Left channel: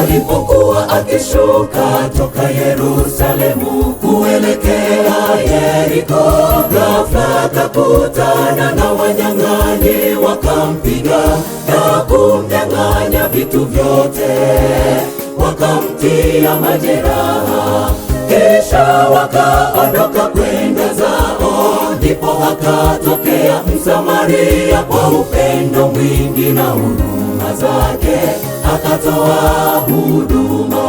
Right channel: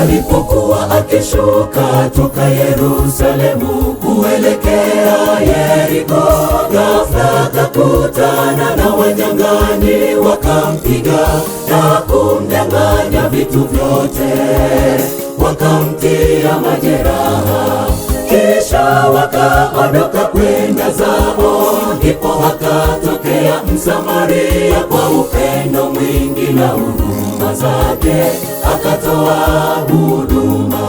Alipokuwa akishuka toka Yerusalemu kuelekea Yeriko, ghafla akakutana na wanyang'anyi, wakampiga na kumnyang'anya vitu vyote, wakamtia majeraha, kisha wakaondoka kwenda zao. Ndipo akatokea Msamaria, kwa upendo mwingi na huruma zake akatoa huduma.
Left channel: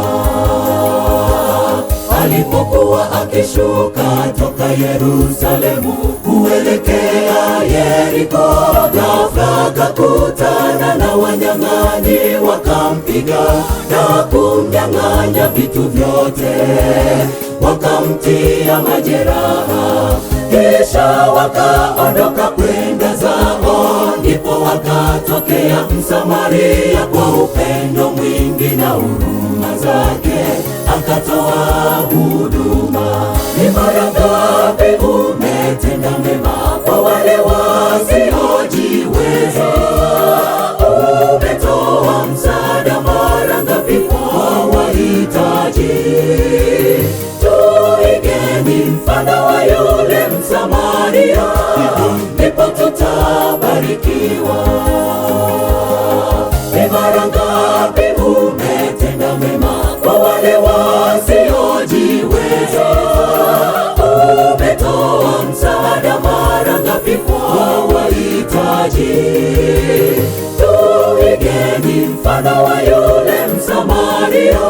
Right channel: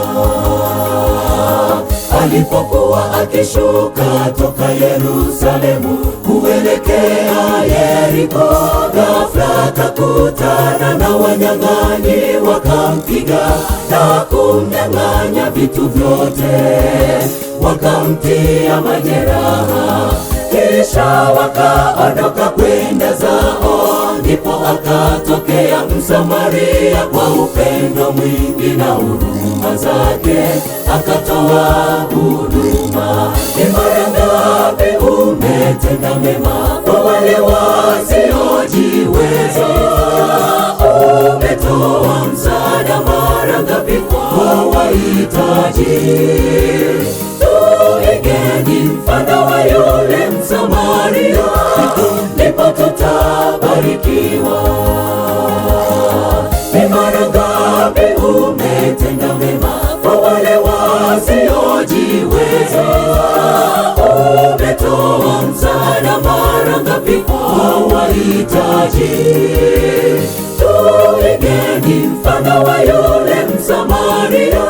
Alipokuwa akishuka toka Yerusalemu kuelekea Yeriko, ghafla akakutana na wanyang'anyi, wakampiga na kumnyang'anya vitu vyote, wakamtia majeraha, kisha wakaondoka kwenda zao. Ndipo akatokea Msamaria, kwa upendo mwingi na huruma zake akatoa huduma. Ni mara ngapi umetenda mema kwa wale wasiojiweza? Umetoa msaada mara ngapi kwa wahitaji? Tuigeni mfano wa yule Msamaria, ndipo tutabarikiwa. Ni mara ngapi umetenda mema kwa wale wasiojiweza? Umetoa msaada mara ngapi kwa wahitaji? Tuigeni mfano wa yule Msamaria,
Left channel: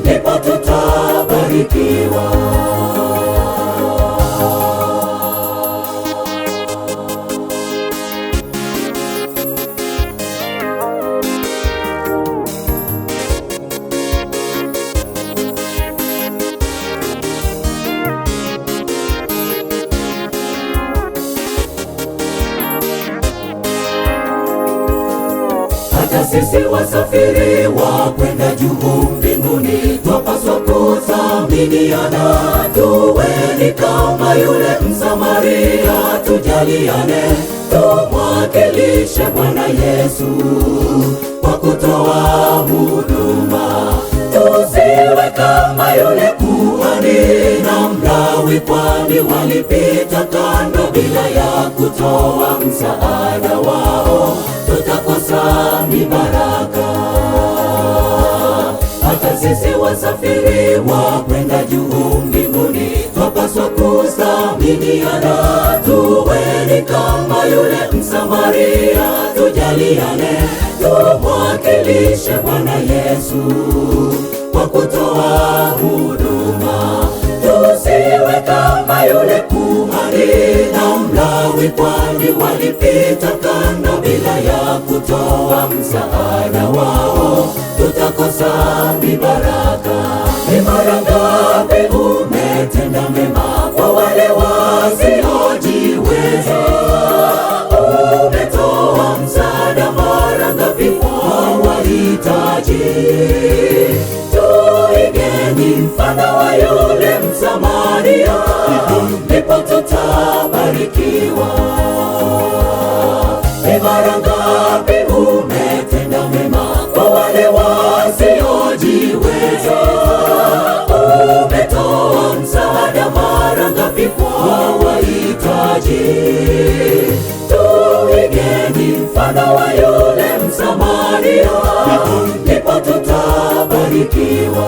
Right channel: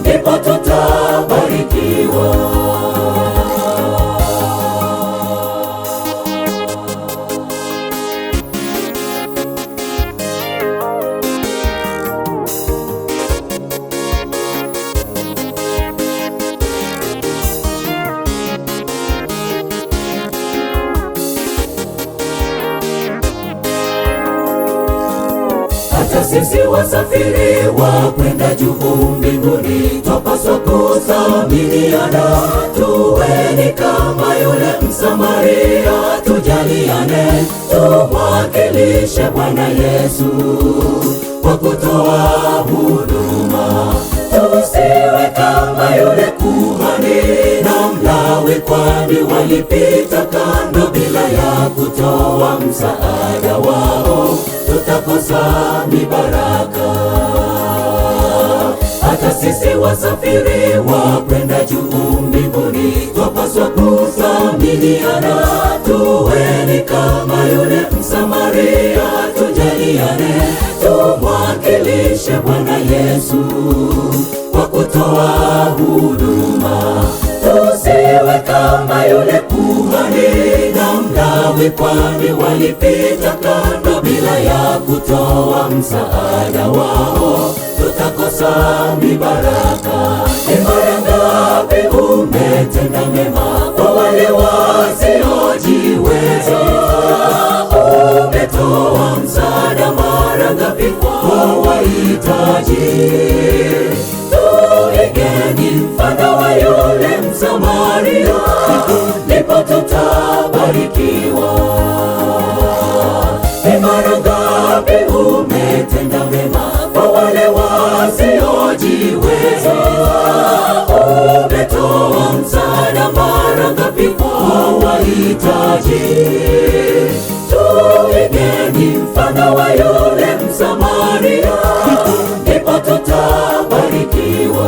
ndipo tutabarikiwa. Hata sisi wasafiri wa kwenda juu mbinguni, twapaswa kuthaminiana. Tuweni kama yule Msamaria, tujaliane, tumwakilishe Bwana Yesu kwa kutoa huduma. Tusiwe kama yule kuhani na Mlawi, kwani walipita kando bila ya kutoa msaada wao, tutakosa mibaraka. Hata sisi wasafiri wa kwenda juu mbinguni, twapaswa kuthaminiana. Tuweni kama yule Msamaria, tujaliane, tumwakilishe Bwana Yesu kwa kutoa huduma. Tusiwe kama yule kuhani na Mlawi, kwani walipita kando bila ya kutoa msaada wao, tutakosa mibaraka. Ni mara ngapi umetenda mema kwa wale wasiojiweza? Umetoa msaada mara ngapi kwa wahitaji? Tuigeni mfano wa yule Msamaria, ndipo tutabarikiwa. Ni mara ngapi umetenda mema kwa wale wasiojiweza? Umetoa msaada mara ngapi kwa wahitaji? Tuigeni mfano wa yule Msamaria, ndipo tutabarikiwa.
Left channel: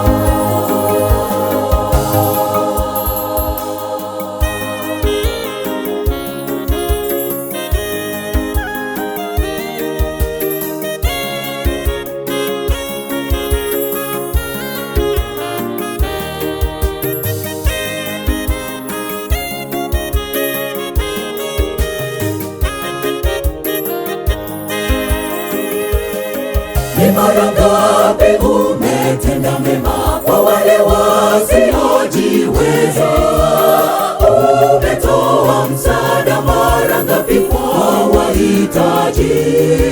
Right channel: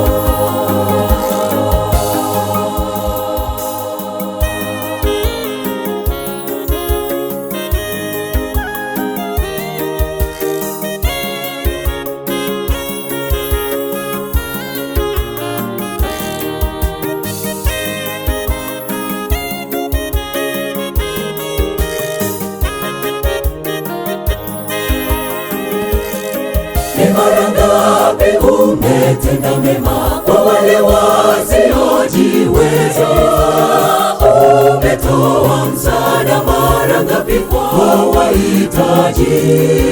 Ni mara ngapi umetenda mema kwa wale wasiojiweza? Umetoa msaada mara ngapi kwa wahitaji? maji.